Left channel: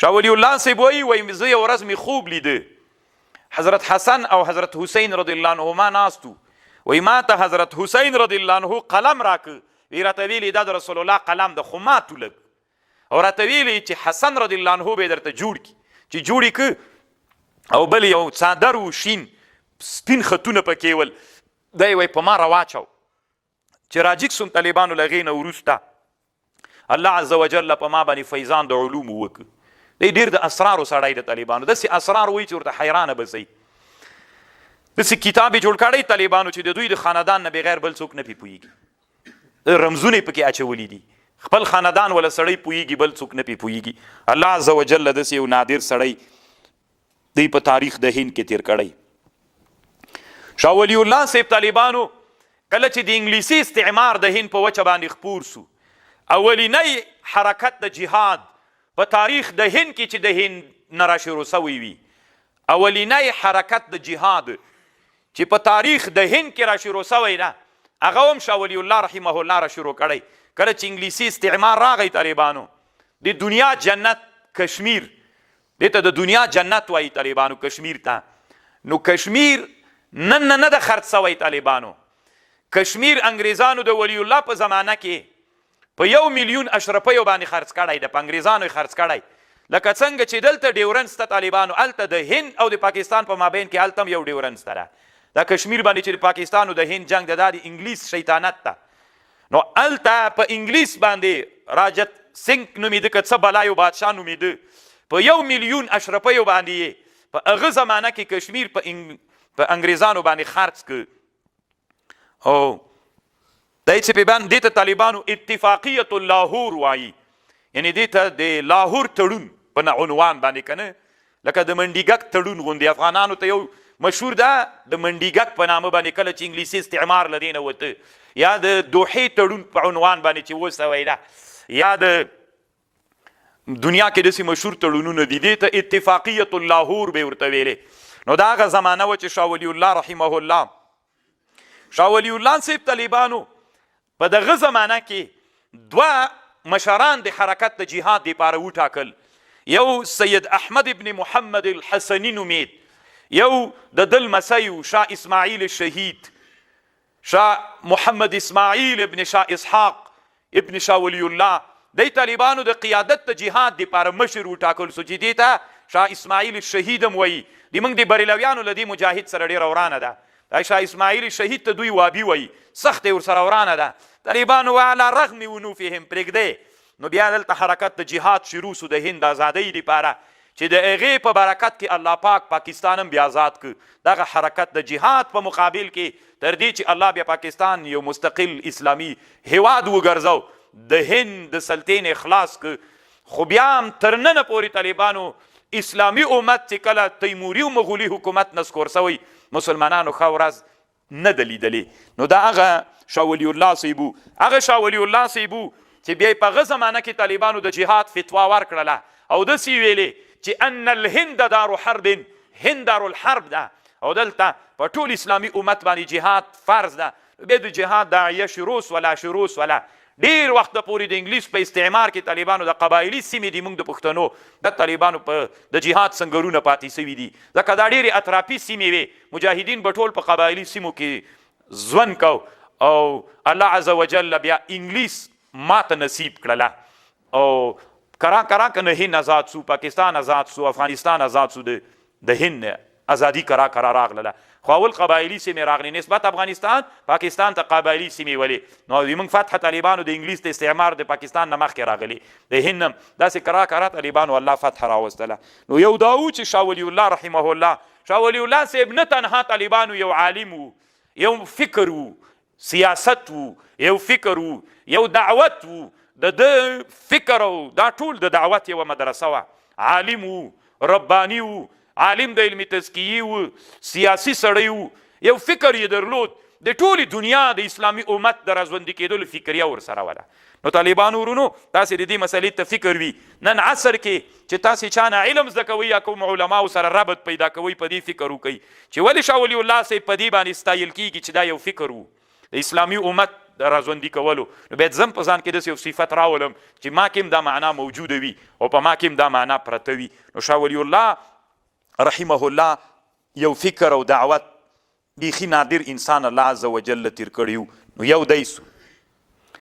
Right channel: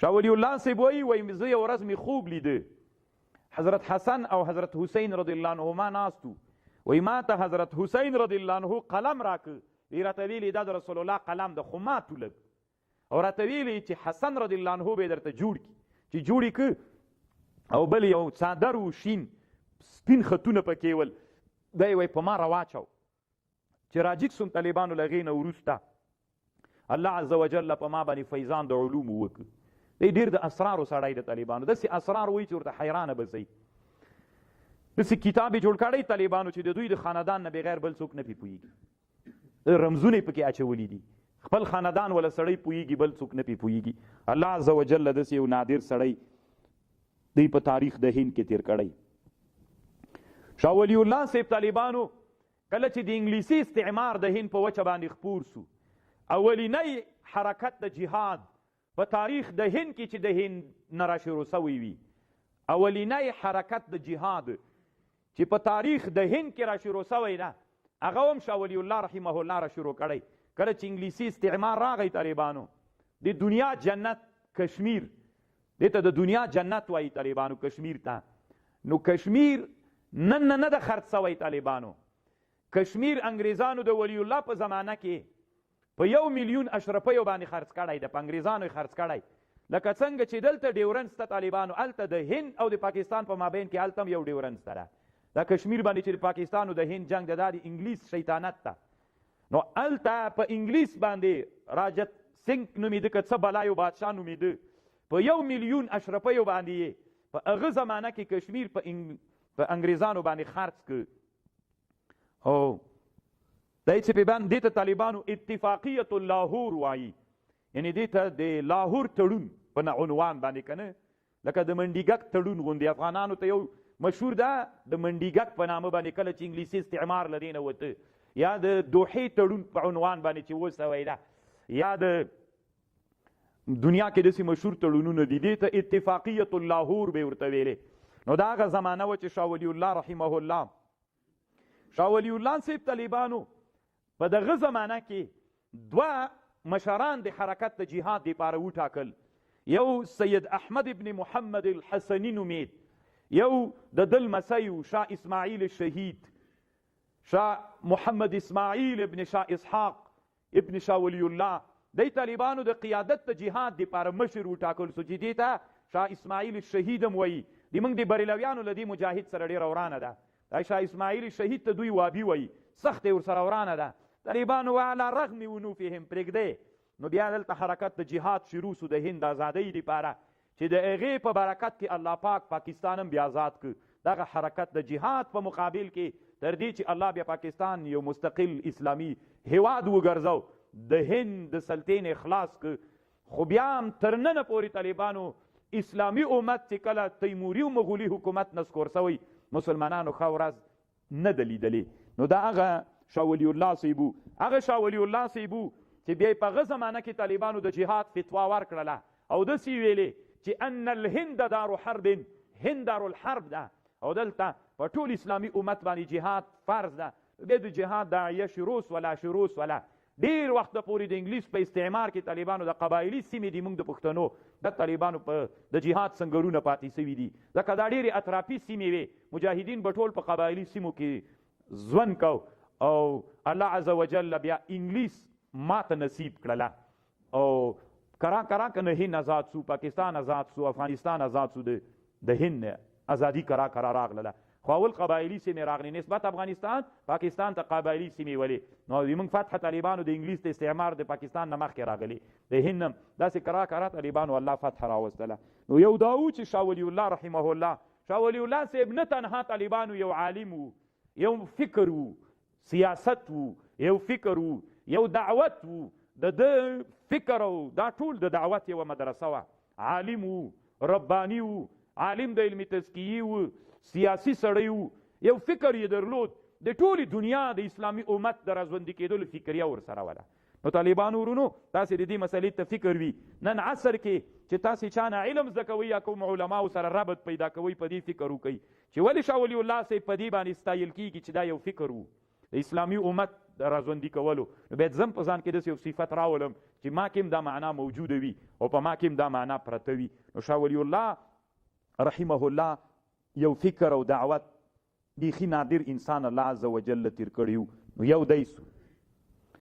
شاه ولی الله صاحب وایي زه یو ورځ مې خوب لیده حضرت حسن او حضرت حسین رضی الله عنهما ناستو وایي ما ته حضرت حسین رضی الله عنه قلم راکه وی راته ویلي دا د رسول الله قلم د خو ماتو لږ او راته ویلي چې حسن رضی الله عنه به یې درته جوړ کړي چې جوړ یې که او بل یو څادر و شین سپین خطونه پکې ول دی وایي په ما راواچو چې راجګ سوم طالبانو له هغې نه وروسته الله عز وجل په ما باندې فیضان د علومو وکړه دی ډېر د اسرارو سړی د طالبانو داسې اسرار وایي چې ورته حیرانه به ځئ داسې کتاب یې جوړ کړی طالبانو چې د دوی د خاندان نه بغیر بل څوک نه پې پوهېږي رمزونه یې پکې اچولي دي خپل خاندان ولا سړی پوهېږي بل څوک نه پې پوهېږي الله عز وجل داسې یو نادر سړی دی په تاریخ د هند کې تیر کړی شاه ولی الله صاحب طالبانو کله چې د انګلیسي استعمار د هند په وچه باندې خپور سو اولینی حرکت د جهاد په تاریخ د هند کې چې د هند نه راشروع سوی وي اولینی حرکت د جهاد چې په تاریخ د هند کې راشروع سوی ده هغه هم شاه ولی الله رحمه الله راشروع کړی کله چې انګلیسي استعمار راغی طالبانو د دنیا جنت کشمیر دې ته د دنیا جنت وایي طالبانو کشمیر ته نو کشمیر نن نه ده خرڅ سوی طالبانو کشمیر انګریزانو د ولی الله په زمانه کې په 1 میلیون اشرفیو باندې خرڅ کړی ده په انګریزانو یې خرڅ کړی لکه څنګه چې دلته ډیورنس ته طالبانو هلته د هند او د پاکستان په مابین کې هلته هم یو ډیورنس ته ده دا کشمیر باندې چې د پاکستان او د هند جنگ ده دا د انګلیس شیطانت ته نو هلته په انګلیس باندې راجت سنګ نومېده که څه بلایو بادشاه نومېده په 1 میلیون اشرفیو باندې یې په هغه زمانه کې کشمیر په انګریزانو باندې خرڅ کړ او دی چې دې ته طالبانو اتفاقیت اللاهور وایي یعنې دې ته د لاهور تړون په عنوان باندې که نه لکه د منډیګک تړون غوندې افغانانو ته یو مشهور ده د منډیګک په نامه باندې کله چې انګلیسي استعمار له دې نه وته یا د دوحې تړون په عنوان باندې چې وسوی ده یا د دنیا کې داسې مشهور تړونونه دي دې ته اتفاقیت اللاهور به ورته ویلې نو دا هغه زمانه وه چې شاه ولی الله رحمه الله شاه ولی الله صاحب طالبانو په دغه زمانه کې دوه مشران د حرکت د جهاد دپاره وټاکل یو سید احمد ابن محمد الحسني نومید یو د ده لمسی و شاه اسماعیل الشهید شاه محمد اسماعیل ابن شاه اسحاق ابن شاه ولی الله دی طالبانو د قیادت د جهاد دپاره مشر وټاکل سو چې دې ته شاه اسماعیل الشهید هم وایي د موږ د بریلویانو له دې مجاهد سره ډېره ورانه ده دا شاه اسماعیل شهید ته دوی وابي وایي سخت یې ورسره ورانه ده طالبانو علی رغم ونوفهم پرېږدی نو بیا دلته حرکت د جهاد شروع سو د هند ازادۍ دپاره چې د هغې په برکت کې الله پاک پاکستان هم بیا آزاد کړ دغه حرکت د جهاد په مقابل کې تر دې چې الله بیا پاکستان یو مستقل اسلامي هیواد وګرځو د هند د سلطین اخلاص کړ خو بیا هم تر ننه پورې طالبانو اسلامي امت چې کله تیموري او مغولي حکومت نسکور سوی مسلمانانو ښه ورځ نه ده لیدلې نو دا هغه شاه ولی الله صاحب هغه شاه ولی الله صاحب چې بیا په هغه زمانه کې طالبانو د جهاد فتوا ورکړله او داسې ویلې چې ان الهند دار حرب هند دار الحرب ده او دلته په ټول اسلامي امت باندې جهاد فرض ده بیا د جهاد داعیه شروع ولا ډیر وخت پورې د انګلیس په استعمار کې طالبانو د قبایلي سیمې دي موږ د پښتنو د طالبانو په د جهاد سنګرونه پاتې سوي دي ځکه دا ډېرې اطرافي سیمې وې مجاهدین به ټول په قبایلي سیمو کې ژوند کو او الله عز وجل بیا انګلیس ماته نصیب کړله او کرا که نه هند آزاد سو پاکستان آزاد سو افغانستان آزاد سو د هند ازادي کرا راغله خو اول قبایلي سیمې راغلې نسبت افغانستان پاکستان ته قبایلي سیمې ولې نو زموږ فتح طالبانو د انګلیس د استعمار د پاکستان نه مخکې راغلي د هند هم داسې کرا طالبانو الله فتح راوستله نو یو دا و چې شاه ولی الله رحمه الله شاه ولی الله صاحب نه تنها طالبانو یو عالم و یو فکر و سیاست و یو فکر و یو دعوت و د فکر او دا ټول د دعوت یوه مدرسه وه عالم و رباني و عالم د علمي تزکیې و سیاسي سړی و یو فکر یې درلود د ټولې دنیا د اسلامي امت د راژوندي کېدلو فکریه ورسره وله نو طالبانو ورونو تاسې د دې مسلې ته فکر وي نن عصر کې چې تاسې چا نه علم زده کوئ یا کوم علماو سره ربط پیدا کوئ په دې فکر وکئ چې ولې شاه ولی الله صاحب په دې باندې ستایل کېږي چې دا یو فکر و د اسلامي امت د راژوندي کولو نو باید زم په ځان کې داسې یو صفت راولم چې ما کې هم دا معنا موجوده وي او په ما کې هم دا معنا پرته وي. نو شاه ولی الله رحمه الله یو فکر او دعوت بیخي نادر انسان الله عز وجل تیر کړی نو یو دی سو